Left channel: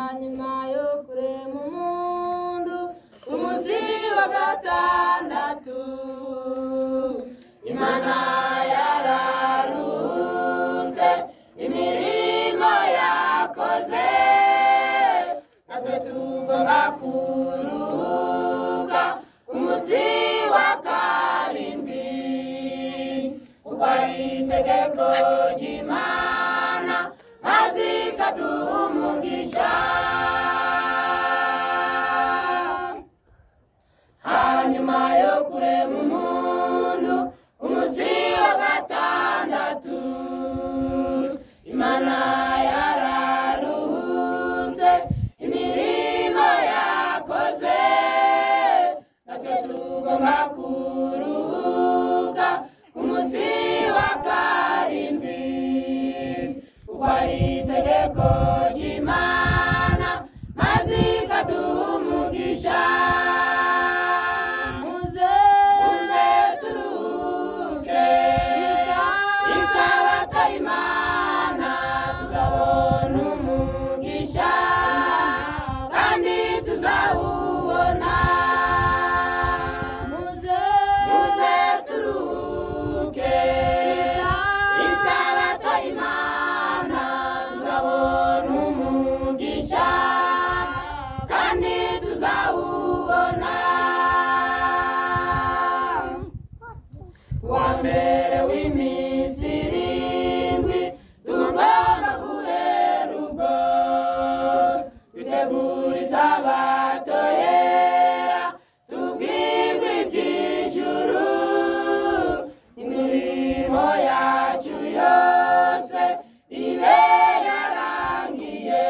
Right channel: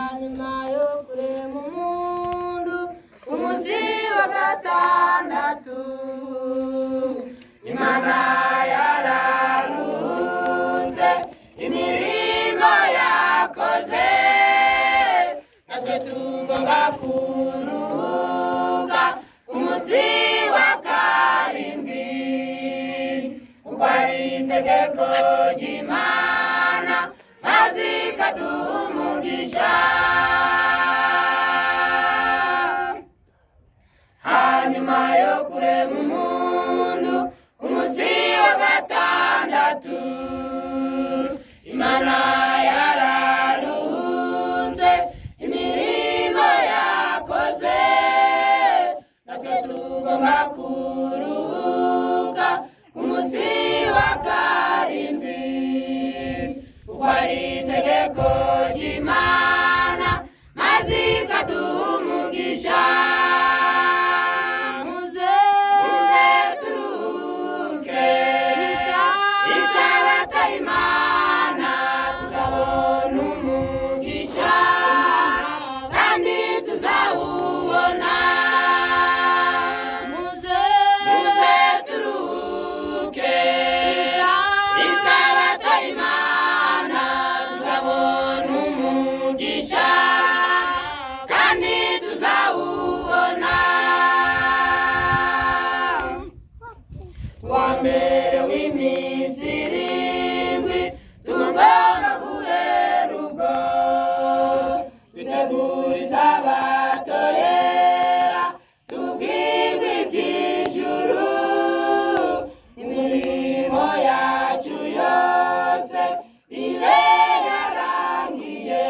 nyuma yo kurema umundu umuzi wa gatandatu Imana yararutse imirimo yakoze natwe tugomba kuruhuka umuzi wa karindwi kuko ari itegeko ry'Imana maze ikaduha umugisha hanyuma yo kurema umundu umuzi wa gatandatu Imana yararutse imirimo yakoze natwe tugomba kuruhuka umuzi wa karindwi kuko ari itegeko ry'Imana maze ikaduha umugisha muze turuhuke isabato y'Imana tuzabona umugisha kandi tuzawubona muze turuhuke isabato y'Imana tuzabona umugisha kandi tuzawubona wa mbere w'iminsi irindwi tugomba guhera ubwo dutegura isabato yera tubwirwa iby'ijuru imirimo yacu yose ibe yarangiye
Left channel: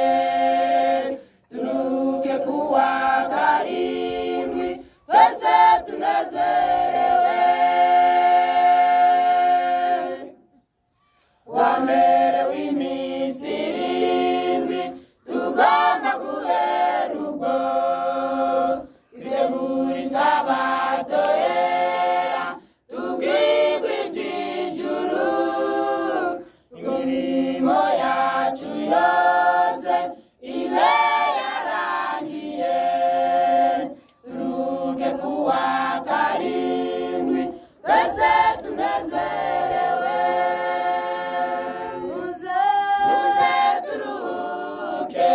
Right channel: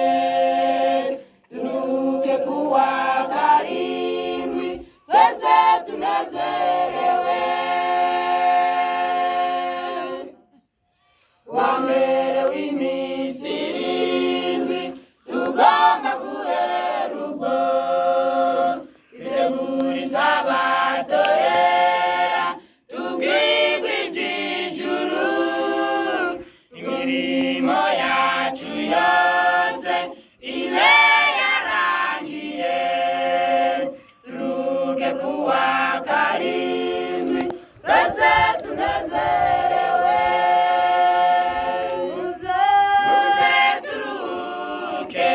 turuhuke kuwa karindwi twese tunezerewe wa mbere w'iminsi irindwi tugomba guhera ubwo dutegura isabato yera tubwirwa iby'ijuru imirimo yacu yose ibe yarangiye turuhuke kuwa karindwi twese tunezerewe muze turuhuke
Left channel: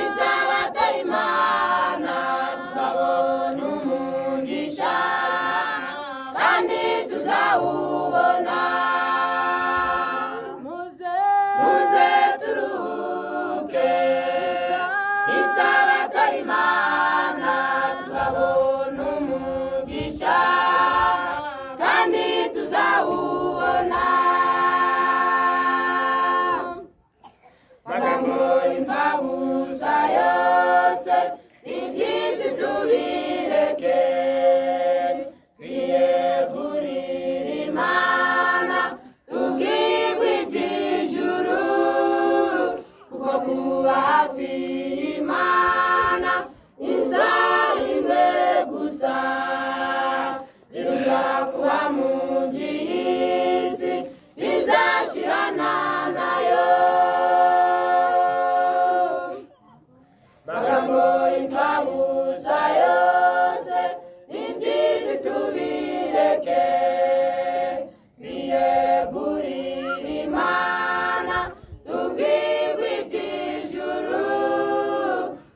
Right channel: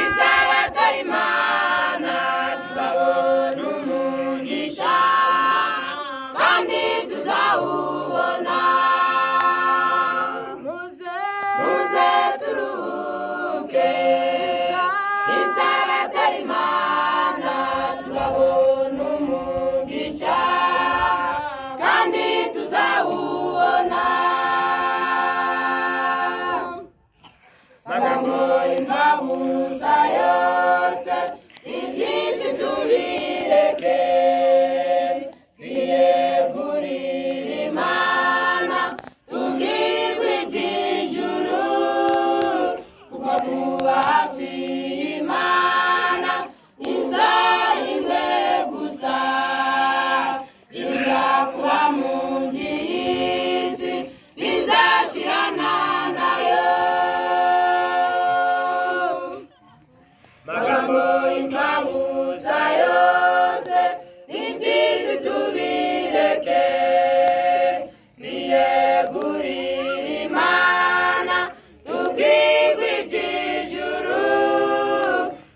isabato y'Imana tuzabona umugisha kandi tuzawubona muze turuhuke isabato y'Imana tuzabona umugisha kandi tuzawubona magambo y'imfabusa yose iby'isi tubireke twiyegurire Imana tubwirwe iby'ijuru kuko kuba hafi y'Imana isaha imwe gusa biruta kuba mu by'isi bizashirana nayo magambo y'imfabusa yose iby'isi tubireke twiyegurire Imana tubwirwe iby'ijuru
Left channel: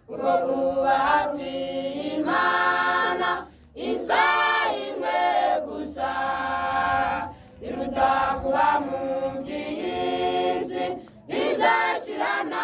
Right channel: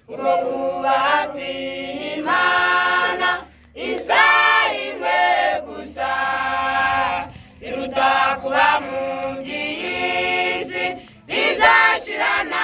kuko kuba hafi y'Imana isaha imwe gusa biruta kuba mu by'isi bizashirana